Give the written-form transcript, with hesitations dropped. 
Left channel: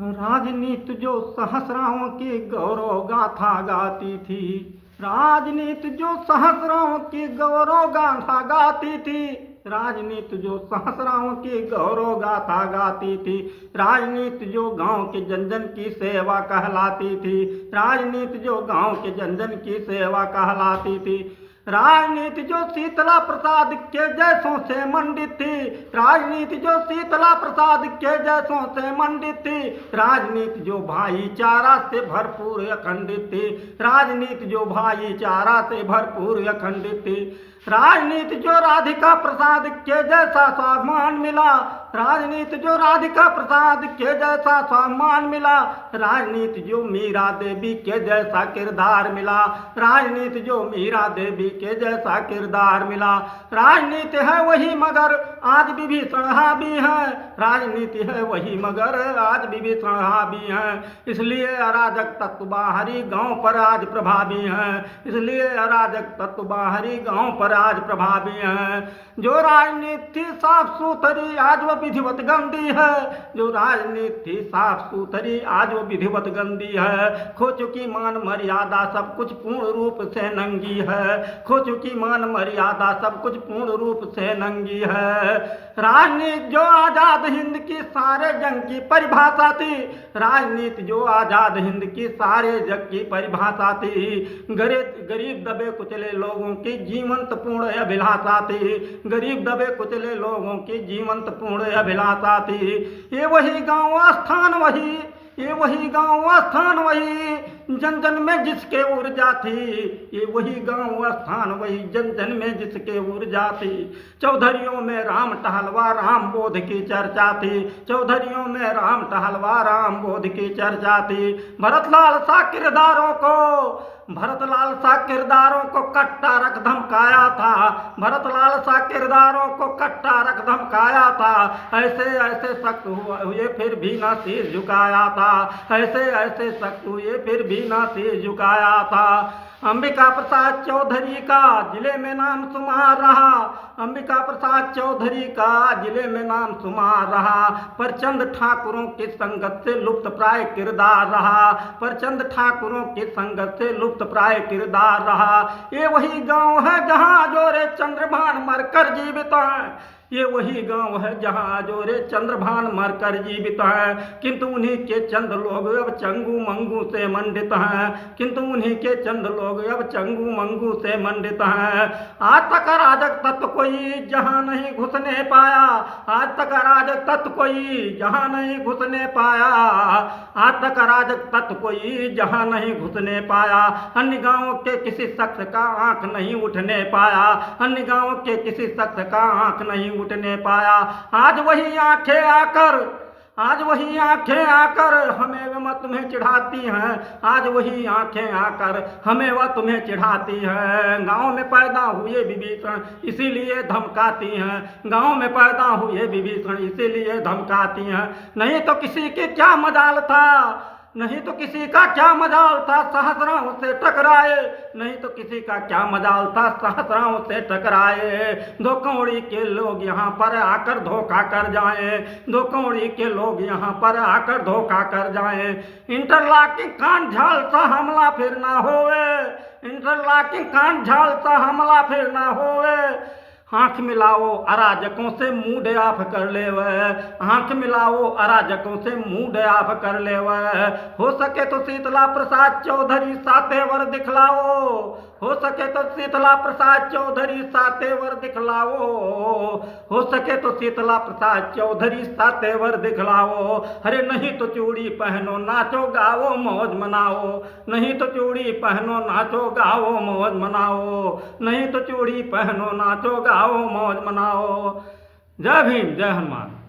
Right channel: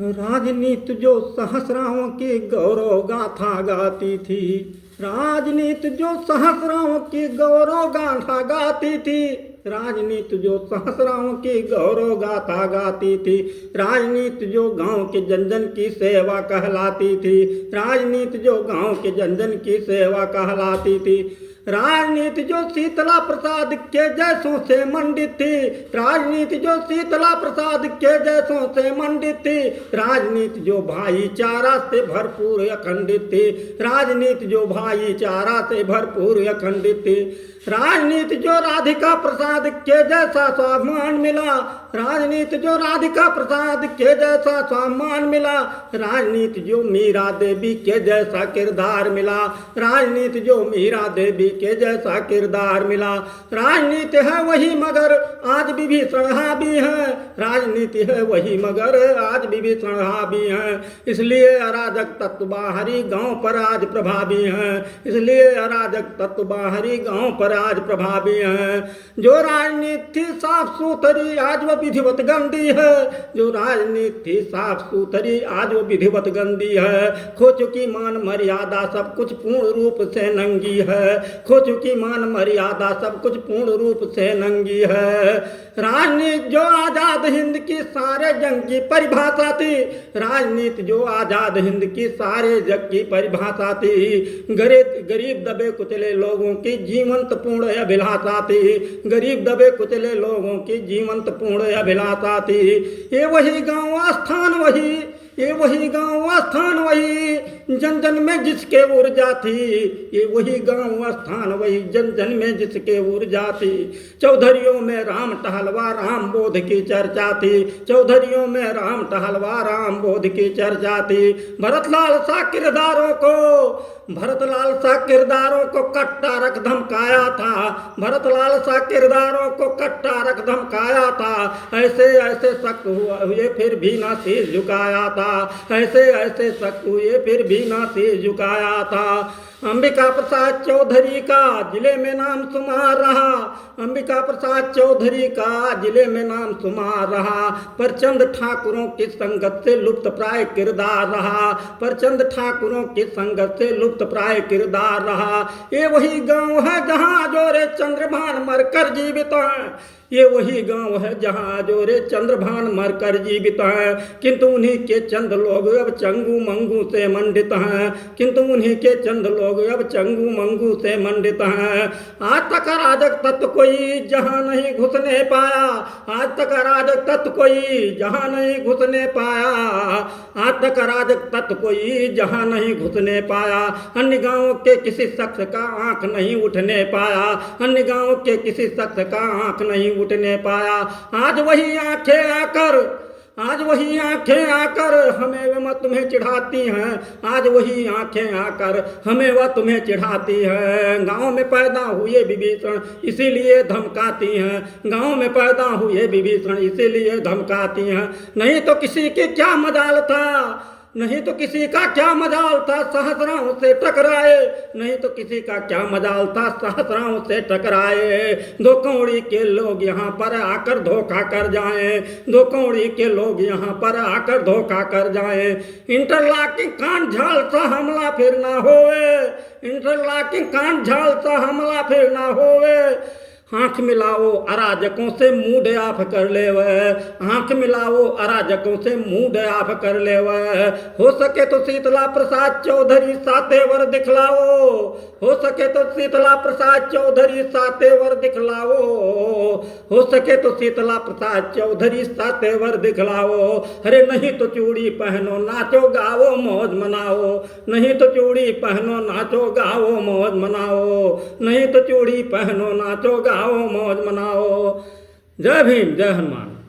राजनीति जो सहस्राओं की गौरव गाथा गाती थी, राजनीति जो सहस्राओं की गौरव गाथा गाती थी, राजनीति जो सहस्राओं की गौरव गाथा गाती थी, राजनीति जो गांव के जन जन की सेवा कहलाती थी, राजनीति जो गांव के जन जन की सेवा कहलाती थी, राजनीति जो शीतला प्रसाद के जैसों से मंडित थी, राजनीति जो शीतला प्रसाद के जैसों से मंडित थी, राजनीति जो भाईचारा से भरपूर अखंडित थी, राजनीति जो भाईचारा से भरपूर अखंडित थी, राजनीति जो राधिका प्रसाद के जैसा सम्मान मिला, राजनीति जो राधिका प्रसाद के जैसा सम्मान मिला, राजनीति जो मीरा देवी के जैसा किरदार मिला, राजनीति जो मीरा देवी के जैसा किरदार मिला, राजनीति है वही मगर आज विभीषण हावी है, राजनीति है वही मगर आज विभीषण हावी है, इसलिए अराजक तत्व बाहरी गांव पर आज प्रभावी हैं, इसलिए अराजक तत्व बाहरी गांव पर आज प्रभावी हैं। जो राजनीति साफ सुथरी आज वो विधिवत गंदी है, जो राजनीति साफ सुथरी आज वो विधिवत गंदी है, खो चुकी मान मर्यादा सब कुछ पूर्ण रूप से नंगी है, खो चुकी मान मर्यादा सब कुछ पूर्ण रूप से नंगी है। राजनीति जो आजाद हिंद की सारे जंग की परिभाषा थी, राजनीति जो आजाद हिंद की सारे जग की परिभाषा थी, गरीब दबे कुचले लोगों की जीवंत पूर्ण अभिलाषा थी, गरीब दबे कुचले लोगों की जीवंत पूर्ण अभिलाषा थी। ये वही गांव स्थान वही, ये वही गांव स्थान वही, जन जन में जिसके ऊर्जा थी, ये वही गांव स्थान वही, जन जन में जिसके ऊर्जा थी। चौधरियों में राम टहलवा राम बोध की चर्चा थी, चौधरियों में राम टहलवा राम बोध की चर्चा थी। भरतलाल सा किरदारों को कट्टा रख धमकाया था, भरतलाल सा किरदारों को कट्टा रख धमकाया था, ऐसे ऐसे सख्त हुए फिर भी ना शीश झुकाया था, ऐसे ऐसे सख्त हुए फिर भी ना शीश झुकाया था। अंबिका प्रसाद चौधरी का जिले में नाम शुमार रहा, अंबिका प्रसाद चौधरी का जिले में नाम शुमार रहा, पर चंद ठाकुरों की संगत से लुप्त प्राय किरदार रहा, पर चंद ठाकुरों की संगत से लुप्त प्राय किरदार रहा। ये वही गांव है जहां जोरे चंद्रभान मरकर जीवित हैं, ये वही गांव है जहां जोरे चंद्रभान मरकर जीवित हैं, किंतु उन्हीं के चंद लोग अब चंगू मंगू से मंडित हैं, किंतु उन्हीं के चंद लोग अब चंगू मंगू से मंडित हैं। आज तक अराजक तत्व कोई जहां नहीं घुसने पाया, आज तक अराजक तत्व कोई जहां नहीं घुसने पाया, आज तक अराजक तत्व कोई जहां नहीं घुसने पाया। अन्य गांवों के किसी शख्स का आंख नहीं उठने पाया, अन्य गांवों के किसी शख्स का आंख नहीं उठने पाया। आज वही आंखें आकर हमें व तुम्हें चिढ़ाती हैं, आज वही आंखें आकर हमें व तुम्हें चिढ़ाती हैं। गांव में पैदा हुए विभीषण इसीलिए धमकाती हैं, गांव में पैदा हुए विभीषण इसीलिए धमकाती हैं। नहीं तो किसी की क्या मजाल था, नहीं तो किसी का क्या मजाल था सहस्राओं से टकराए, नहीं तो किसी का क्या मजाल था सहस्राओं से टकराए। दो कौड़ी के लोग यहाँ पर आकर धोखा कर जाएं, दो कौड़ी के लोग यहाँ पर आकर धोखा कर जाएं। इंटरलॉकिंग कांड झाल सा हमला फिर ना होवे, इंटरलॉकिंग कांड झाल सा हमला फिर ना होवे। आँख मिलाओ अराजकों से मुंह डयाफ कर ले वह, आँख मिलाओ अराजकों से मुंह डयाफ कर ले वह। हो सके तो शीतला प्रसाद चौधरी सातेवर दिखलाओ, हो सके तो शीतला प्रसाद चौधरी सातेवर दिखलाओ, हो सके तो शीतला प्रसाद चौधरी सातेवर दिखलाओ। अरे नहीं तो चूड़ी पहनो नाचो गाओ मौज मनाओ, नहीं तो चूड़ी पहनो नाचो गाओ मौज मनाओ, नहीं तो चूड़ी पहनो नाचो गाओ मौज मनाओ। जय भीम, जय हनुमान।